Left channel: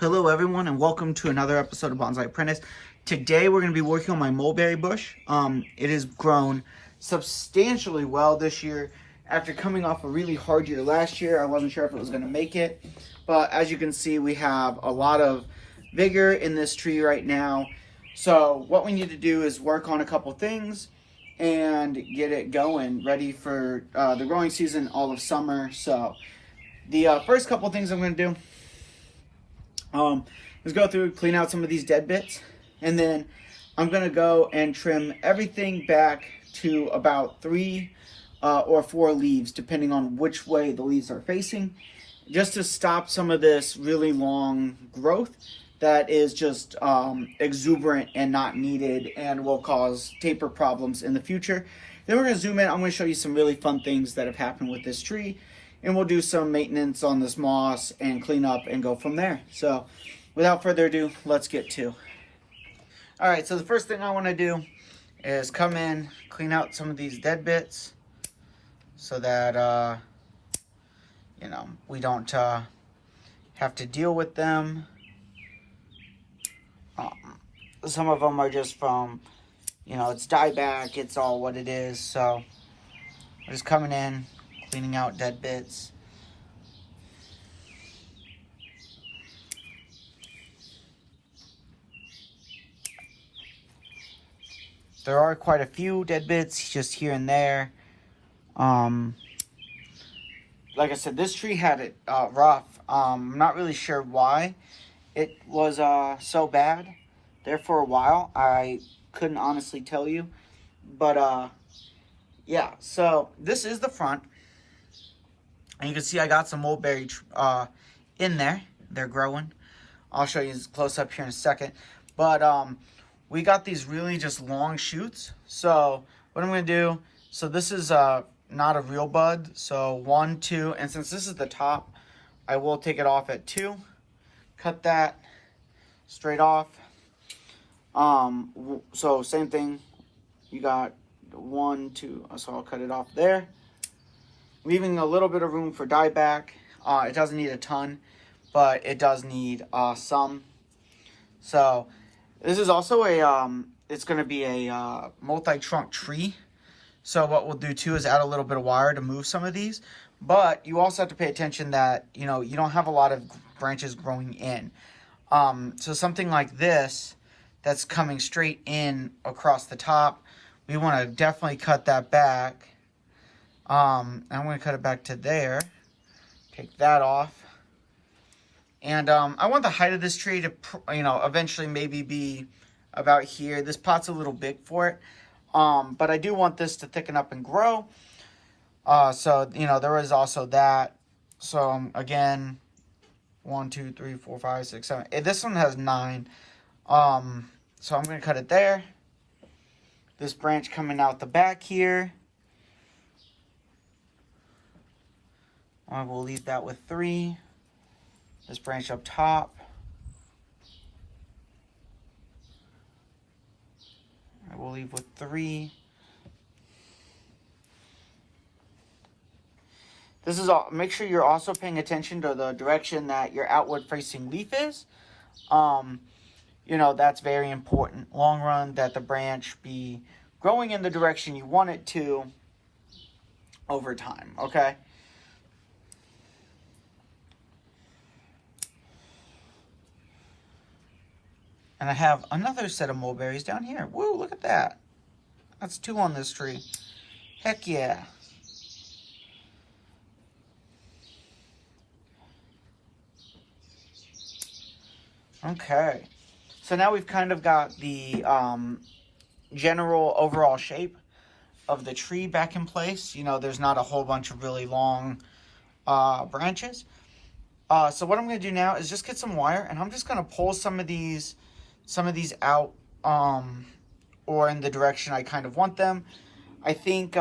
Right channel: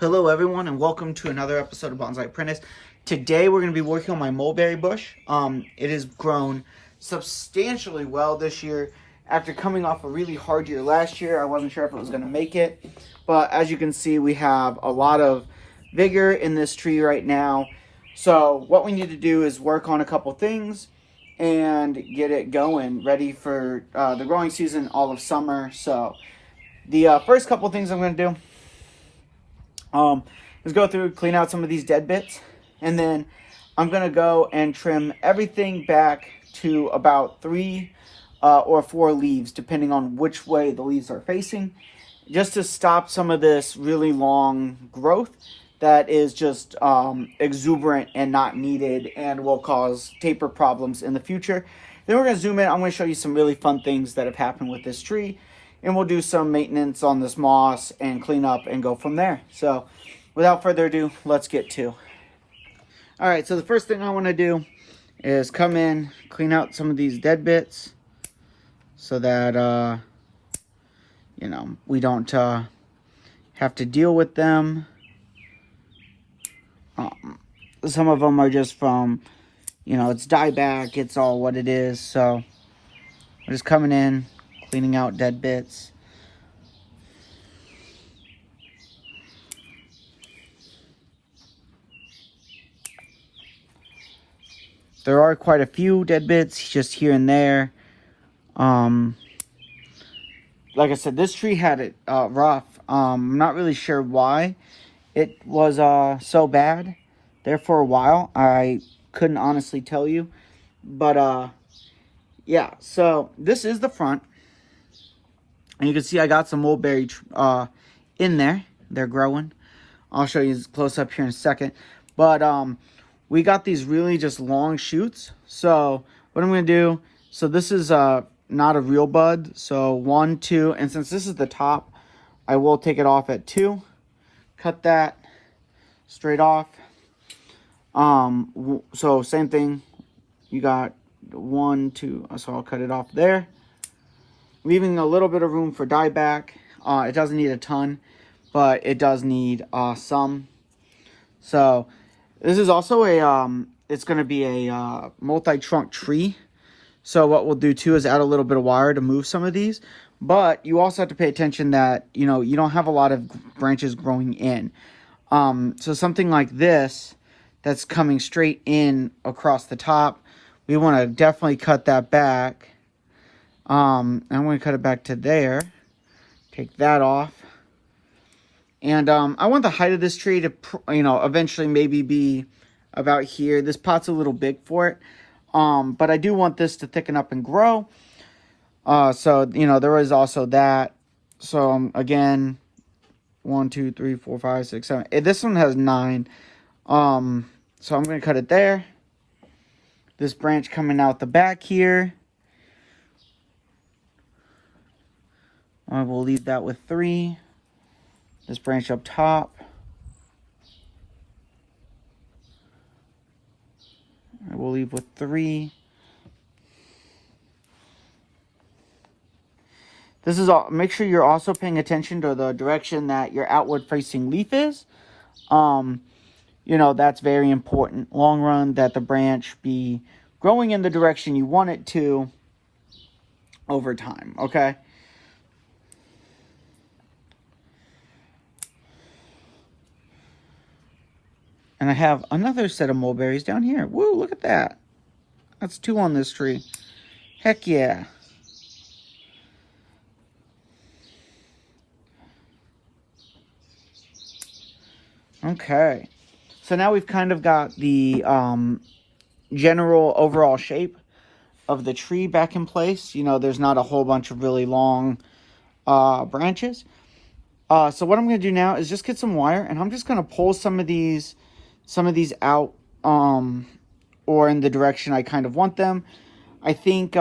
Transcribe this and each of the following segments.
Hello everyone and welcome to another episode of Bonsai Apprentice. Today we're going to be working on my mulberry bush. It has grown substantially well this year. After coming off a really hard year last year, I wasn't sure if it was going to make it. But as you can see, we have a lot of vigor in this tree right now. So what we need to do is work on a couple things and get it going, ready for the growing season all of summer. So the first couple things I'm going to do is go through, clean out some of these dead bits, and then I'm gonna go and trim everything back to about 3 or 4 leaves, depending on which way the leaves are facing, just to stop some of this really long growth that is just exuberant and not needed and will cause taper problems in the future. Then we're gonna zoom in. I'm gonna show you some really fun things that have happened with this tree, and we'll do some maintenance on this moss and clean up and go from there. So without further ado, let's get to. All right, so the first thing I want to do is come in, clean out some of these dead bits so that, we don't have to deal with them. Some of them are just from, it's dieback, it's all what it is. So I'm just coming in, cleaning out dead bits. There are quite a few dead bits just here and there. Like I said, this tree had it rough. I'm not really sure why it was so bad there for a while. I couldn't honestly tell you. But yeah, so this is the front. And you can see I got some mulberry in there. They're growing. I'll show you close up here in a second. But we got these really just long shoots. So what I'm going to do, so this is not a real bud. So 1, 2, and since this is the top, I will take it off at 2. Cut that straight off. So same thing. You got 1, 2, so I'll cut it off there. Leaving a little bit of room for dieback. It doesn't need a ton, but it does need some. So this is also it's going to be a multi-trunk tree. So what we'll do too is add a little bit of wire to move some of these. But you also have to pay attention that, you don't have a lot of branches growing in. So something like this that's coming straight in across the top, we want to definitely cut that back. I'm going to cut it back to there. Take that off. And I want the height of this tree to, eventually maybe be about here. This pot's a little big for it. But I do want this to thicken up and grow. So, there is also that. So, again, 1, 2, 3, 4, 5, 6, 7. This one has 9. So I'm going to cut it there. This branch coming out the back here. We'll leave that with 3. This branch up top. We'll leave with 3. This is all. Make sure you're also paying attention to the direction that your outward facing leaf is. That's very important. Long run, that the branch be growing in the direction you want it to over time, okay? And I have another set of mulberries down here. Woo, look at that. That's 2 on this tree. Heck yeah. Okay. So now we've kind of got the general overall shape of the tree back in place. There's not a whole bunch of really long branches. So what I'm going to do now is just get some wire, and I'm just going to pull some of these out or in the direction I kind of want them. I think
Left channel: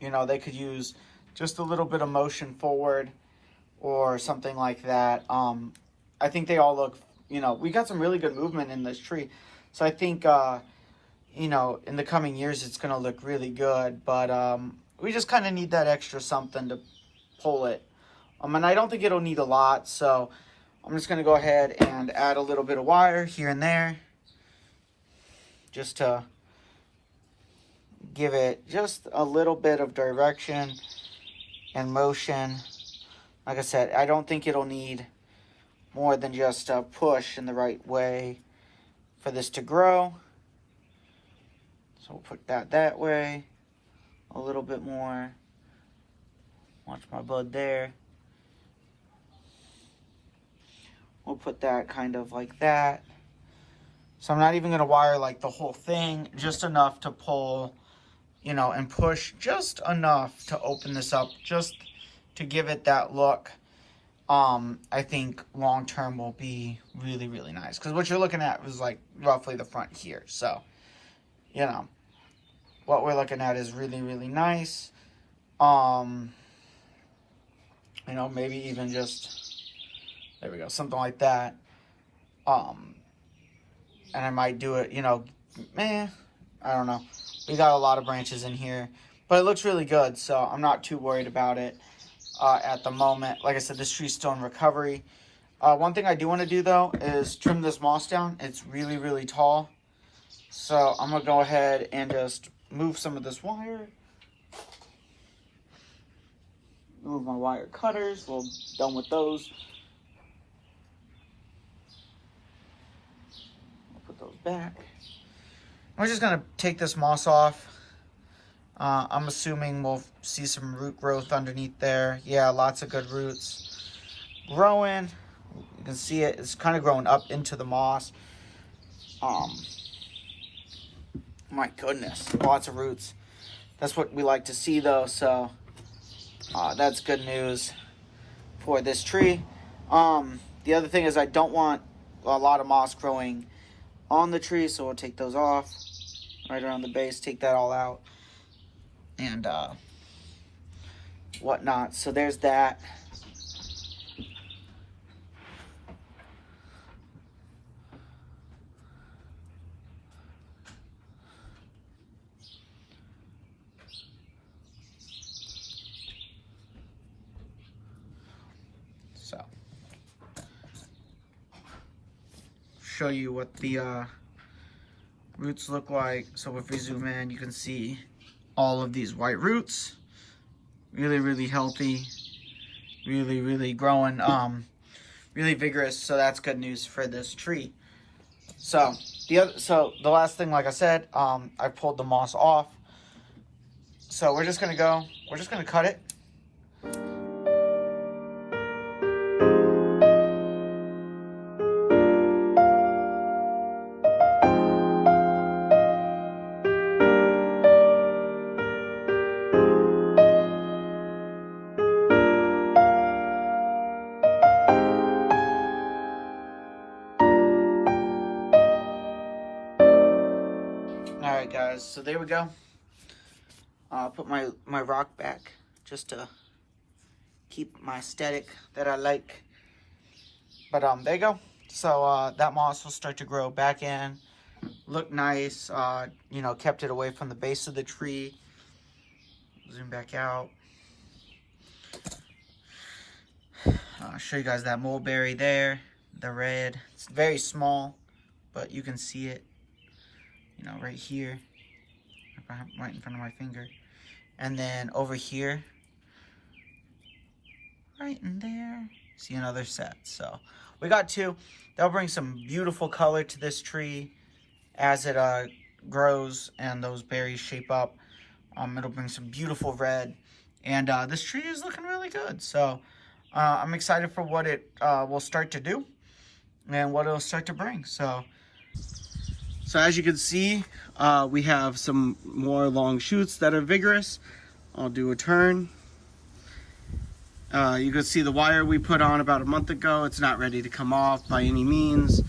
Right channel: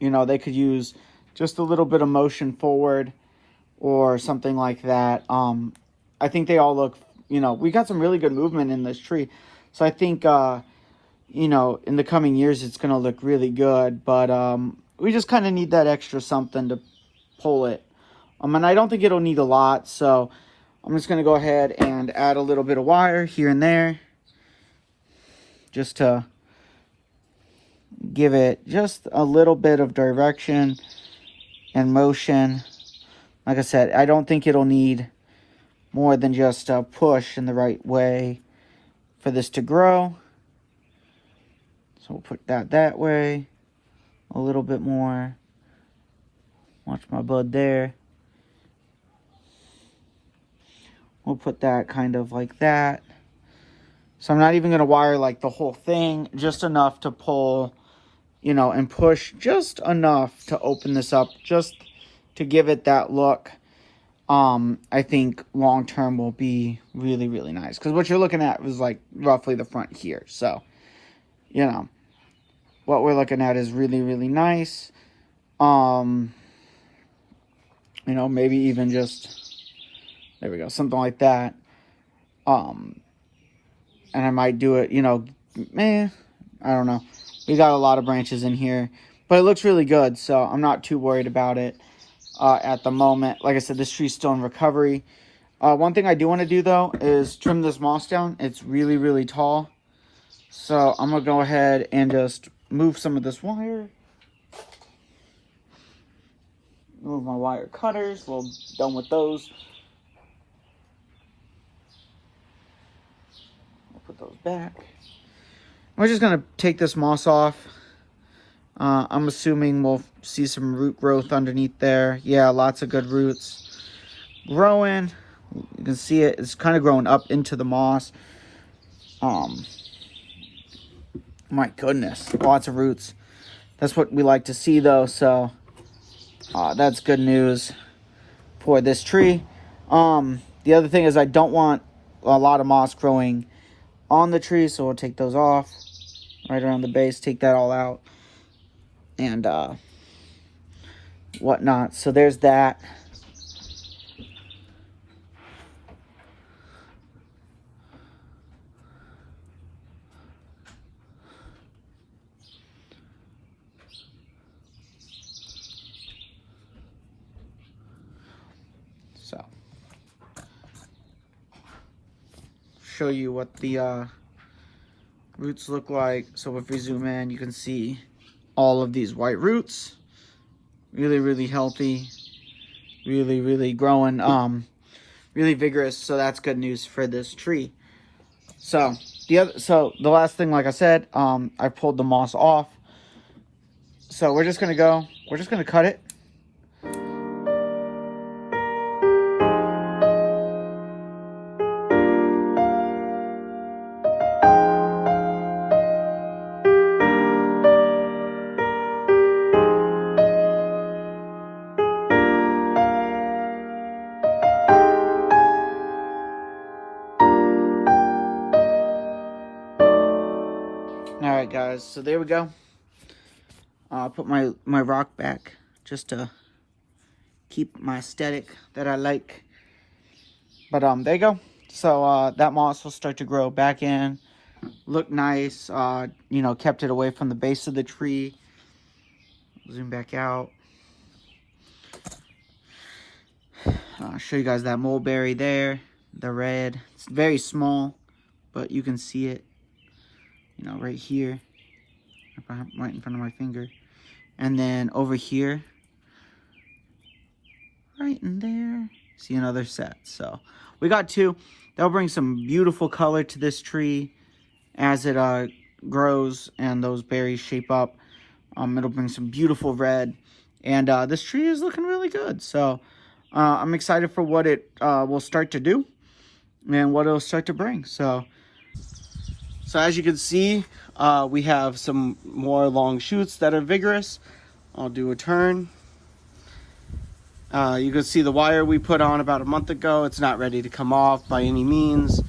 they could use just a little bit of motion forward or something like that. I think they all look, we got some really good movement in this tree. So I think in the coming years it's going to look really good, but we just kind of need that extra something to pull it And I don't think it'll need a lot, so I'm just going to go ahead and add a little bit of wire here and there, just to give it just a little bit of direction and motion. Like I said, I don't think it'll need more than just a push in the right way for this to grow. So we'll put that way, a little bit more. Watch my bud there. We'll put that kind of like that. So I'm not even going to wire like the whole thing, just enough to pull, you know, and push just enough to open this up, just to give it that look. I think long term will be really, really nice. Because what you're looking at is like roughly the front here. So, you know, what we're looking at is really, really nice. You know, maybe even just, there we go, something like that. And I might do it, you know, I don't know. We got a lot of branches in here, but it looks really good, so I'm not too worried about it at the moment. Like I said, this tree's still in recovery. One thing I do want to do, though, is trim this moss down. It's really, really tall. So I'm going to go ahead and just move some of this wire. Move my wire cutters. We're done with those. I'll put those back. We're just going to take this moss off. I'm assuming we'll see some root growth underneath there. Yeah, lots of good roots growing. You can see it. It's kind of growing up into the moss. My goodness, lots of roots. That's what we like to see, though, so that's good news for this tree. The other thing is I don't want a lot of moss growing on the tree, so we'll take those off right around the base, take that all out, and whatnot. So there's that. So, show you what the roots look like. So if we zoom in, you can see all of these white roots. Really, really healthy. Really, really growing. Really vigorous. So that's good news for this tree. So the last thing, like I said, I pulled the moss off. So we're just gonna cut it. Alright guys, so there we go. I'll put my rock back just to keep my aesthetic that I like. But there you go. So that moss will start to grow back in, look nice. You know, kept it away from the base of the tree. Zoom back out. I'll show you guys that mulberry there, the red. It's very small, but you can see it, you know, right here, right in front of my finger. And then over here, right in there, see another set. So we got two. They'll bring some beautiful color to this tree as it grows and those berries shape up. It'll bring some beautiful red, and this tree is looking really good. So I'm excited for what it will start to do and what it'll start to bring. So as you can see, we have some more long shoots that are vigorous. I'll do a turn. You can see the wire we put on about a month ago. It's not ready to come off by any means.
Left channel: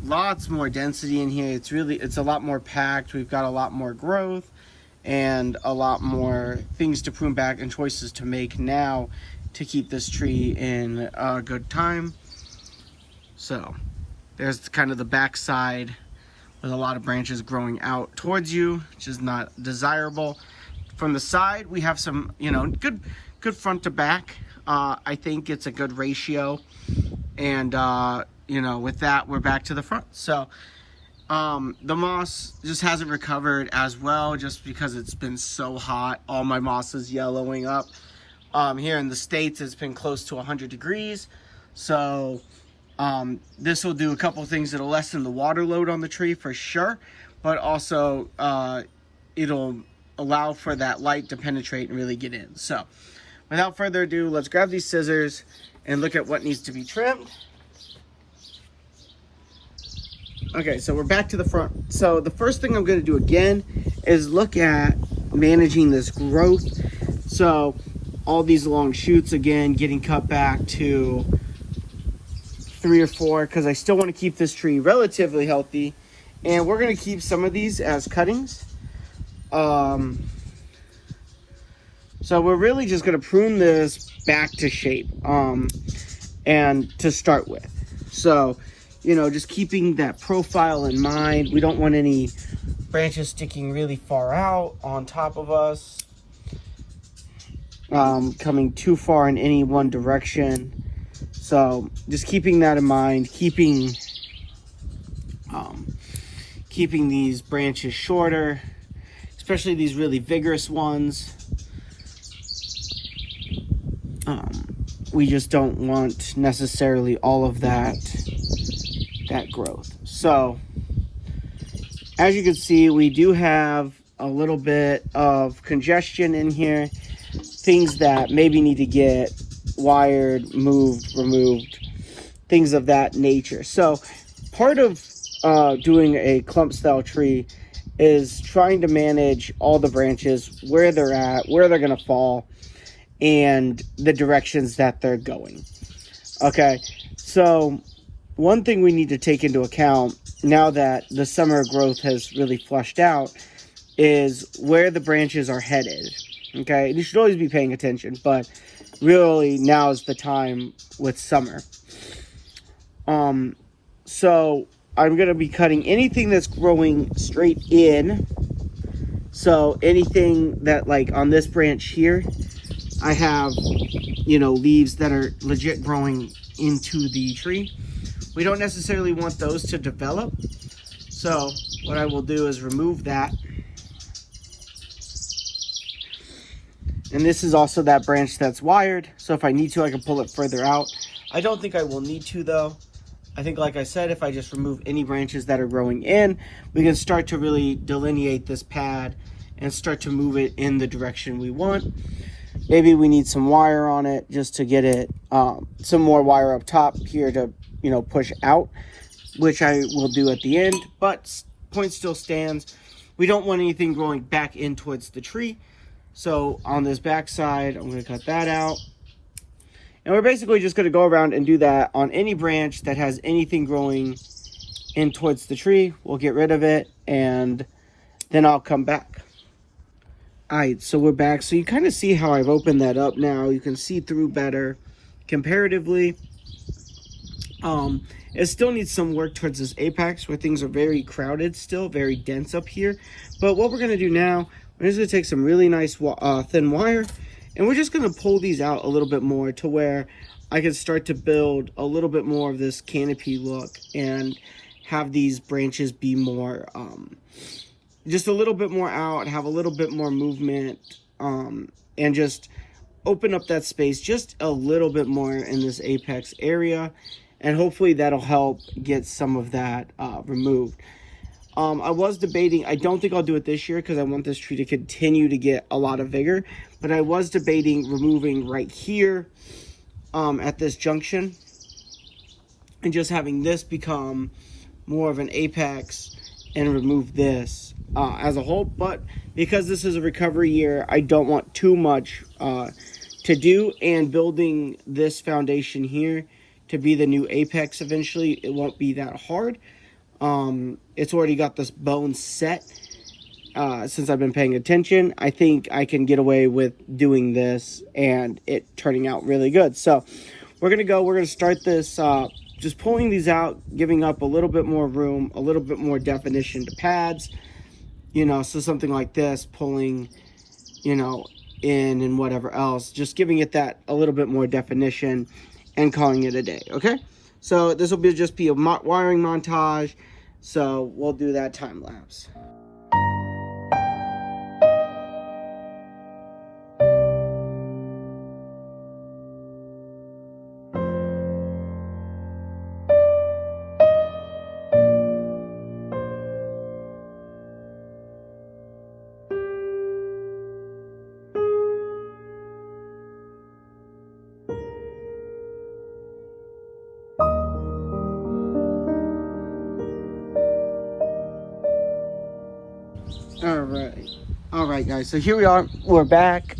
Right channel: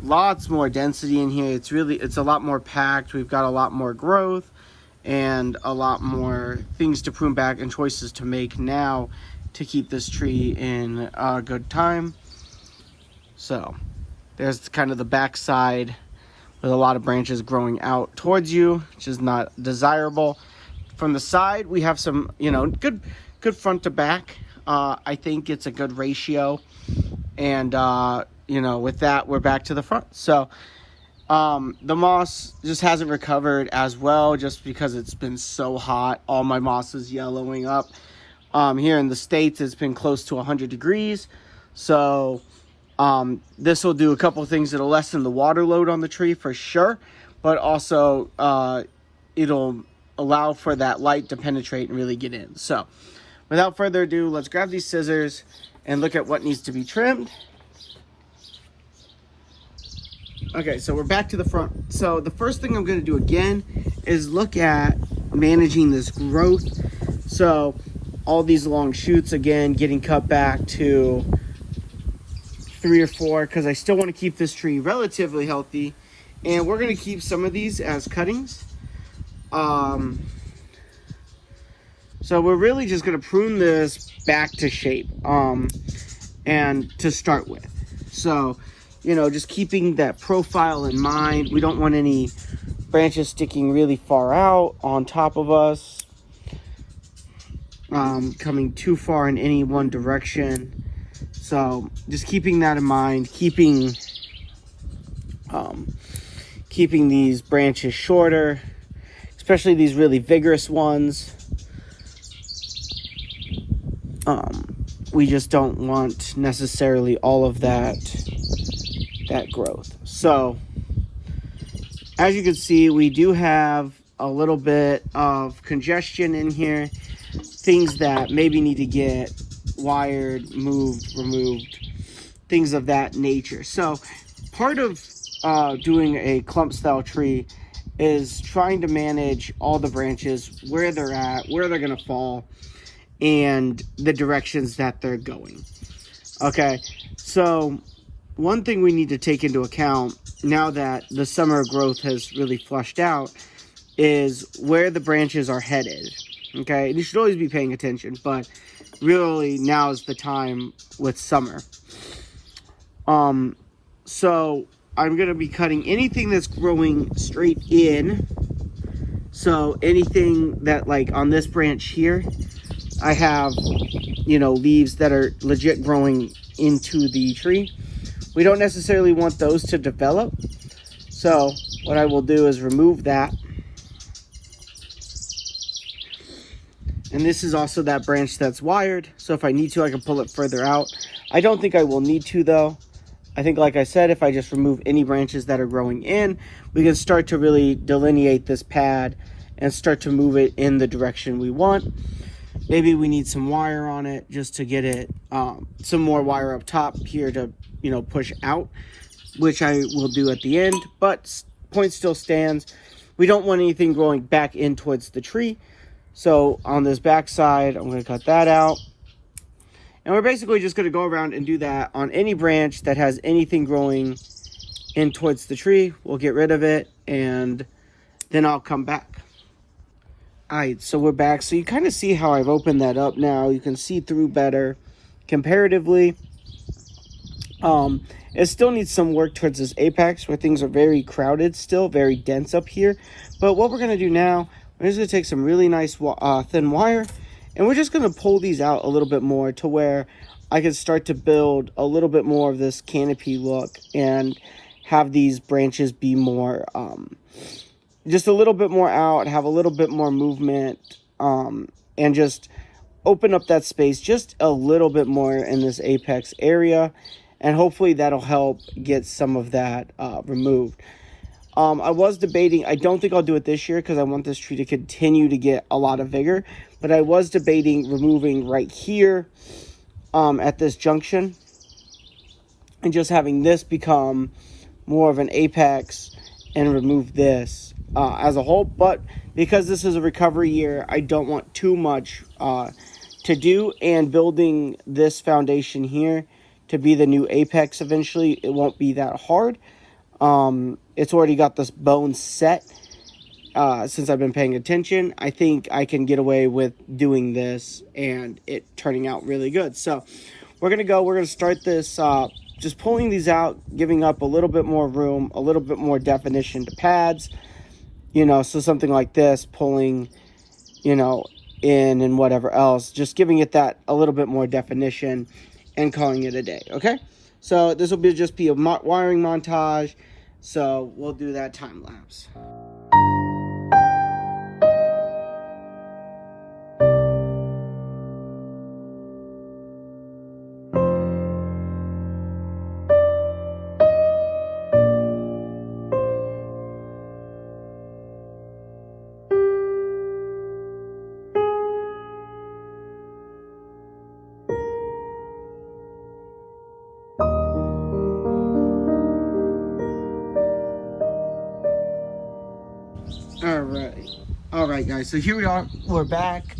Lots more density in here. It's a lot more packed. We've got a lot more growth and a lot more things to prune back and choices to make now to keep this tree in a good time. So there's kind of the back side with a lot of branches growing out towards you, which is not desirable. From the side, we have some, you know, good front to back. I think it's a good ratio. And, you know, with that, we're back to the front. So, the moss just hasn't recovered as well just because it's been so hot. All my moss is yellowing up. Here in the States, it's been close to 100 degrees. So, this will do a couple things. It'll lessen the water load on the tree for sure, but also, it'll allow for that light to penetrate and really get in. So, without further ado, let's grab these scissors and look at what needs to be trimmed. Okay, so we're back to the front. So the first thing I'm going to do again is look at managing this growth. So all these long shoots, again, getting cut back to 3 or 4 because I still want to keep this tree relatively healthy. And we're going to keep some of these as cuttings. So we're really just going to prune this back to shape and to start with. So, you know, just keeping that profile in mind. We don't want any branches sticking really far out on top of us, coming too far in any one direction. So just keeping that in mind, keeping these branches shorter, especially these really vigorous ones. We just don't want necessarily all of that growth. So as you can see, we do have a little bit of congestion in here, things that maybe need to get wired, moved, removed, things of that nature. So part of doing a clump style tree is trying to manage all the branches, where they're at, where they're going to fall, and the directions that they're going. Okay, so one thing we need to take into account now that the summer growth has really flushed out is where the branches are headed. Okay, you should always be paying attention, but really now is the time with summer. So I'm going to be cutting anything that's growing straight in. So anything that, like on this branch here, I have, you know, leaves that are legit growing into the tree. We don't necessarily want those to develop. So what I will do is remove that. And this is also that branch that's wired. So if I need to, I can pull it further out. I don't think I will need to though. I think, like I said, if I just remove any branches that are growing in, we can start to really delineate this pad and start to move it in the direction we want. Maybe we need some wire on it just to get it, some more wire up top here to, you know, push out, which I will do at the end, but point still stands. We don't want anything growing back in towards the tree. So on this back side, I'm going to cut that out. And we're basically just going to go around and do that on any branch that has anything growing in towards the tree. We'll get rid of it, and then I'll come back. All right, so we're back. So you kind of see how I've opened that up now. You can see through better comparatively. It still needs some work towards this apex where things are very crowded still, very dense up here. But what we're going to do now, we're just going to take some really nice thin wire, and we're just going to pull these out a little bit more to where I can start to build a little bit more of this canopy look and have these branches be more, just a little bit more out, have a little bit more movement, and just open up that space just a little bit more in this apex area. And hopefully that'll help get some of that removed. I was debating, I don't think I'll do it this year because I want this tree to continue to get a lot of vigor. But I was debating removing right here at this junction and just having this become more of an apex and remove this as a whole. But because this is a recovery year, I don't want too much to do, and building this foundation here to be the new apex eventually, it won't be that hard. It's already got this bone set since I've been paying attention. I think I can get away with doing this and it turning out really good. So we're gonna start this just pulling these out, giving up a little bit more room, a little bit more definition to pads, you know. So something like this, pulling, you know, in and whatever else, just giving it that a little bit more definition and calling it a day. Okay, so this will just be a wiring montage, so we'll do that time lapse. All right guys, so here we are, we're back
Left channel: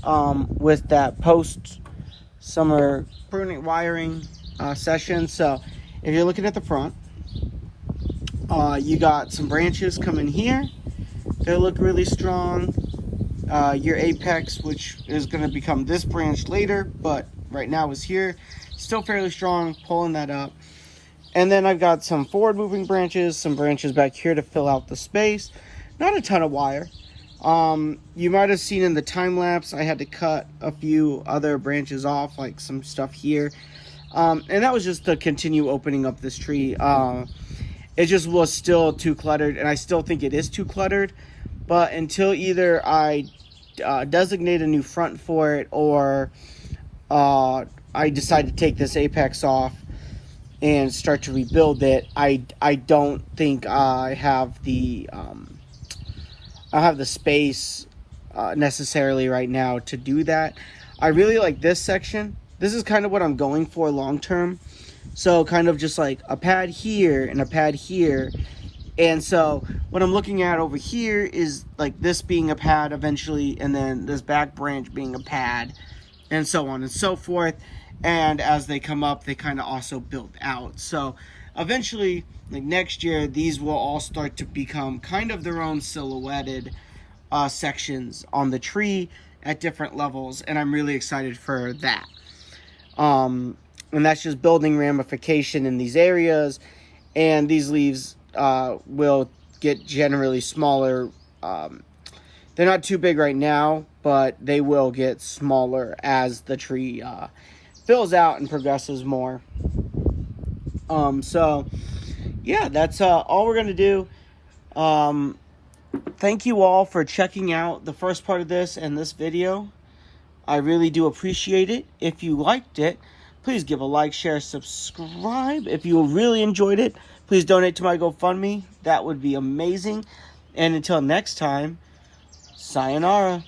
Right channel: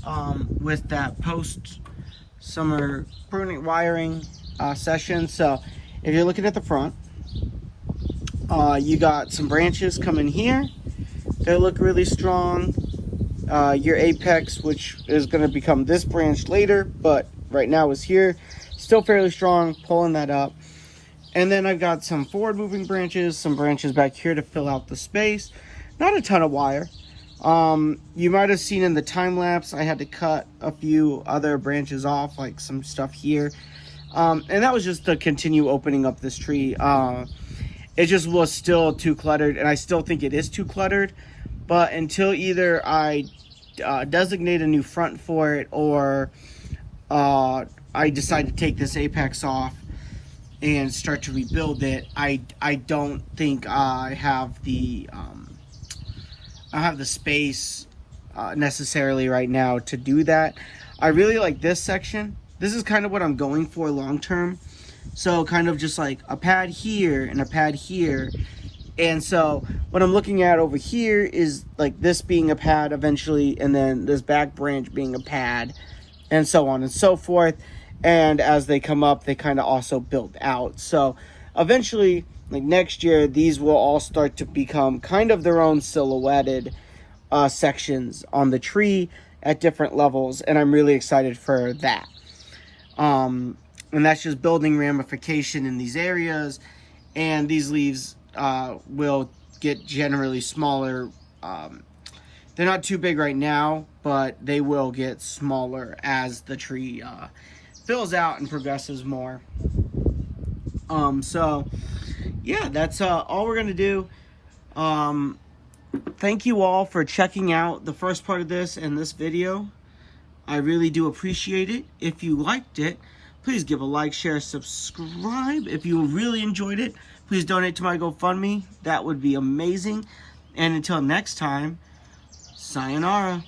with that post summer pruning wiring session. So if you're looking at the front, you got some branches coming here. They look really strong. Your apex, which is going to become this branch later, but right now is here, still fairly strong, pulling that up. And then I've got some forward moving branches, some branches back here to fill out the space. Not a ton of wire. You might have seen in the time lapse I had to cut a few other branches off, like some stuff here, and that was just to continue opening up this tree. It just was still too cluttered, and I still think it is too cluttered, but until either I designate a new front for it, or I decide to take this apex off and start to rebuild it, I don't think I have the space necessarily right now to do that. I really like this section. This is kind of what I'm going for long term. So kind of just like a pad here and a pad here. And so what I'm looking at over here is like this being a pad eventually, and then this back branch being a pad, and so on and so forth. And as they come up, they kind of also build out. So eventually, like next year, these will all start to become kind of their own silhouetted sections on the tree at different levels, and I'm really excited for that. And that's just building ramification in these areas, and these leaves will get generally smaller. They're not too big right now, but they will get smaller as the tree fills out and progresses more. So yeah, that's all we're gonna do. Thank you all for checking out the first part of this and this video. I really do appreciate it. If you liked it, please give a like, share, subscribe. If you really enjoyed it, please donate to my GoFundMe. That would be amazing. And until next time, sayonara.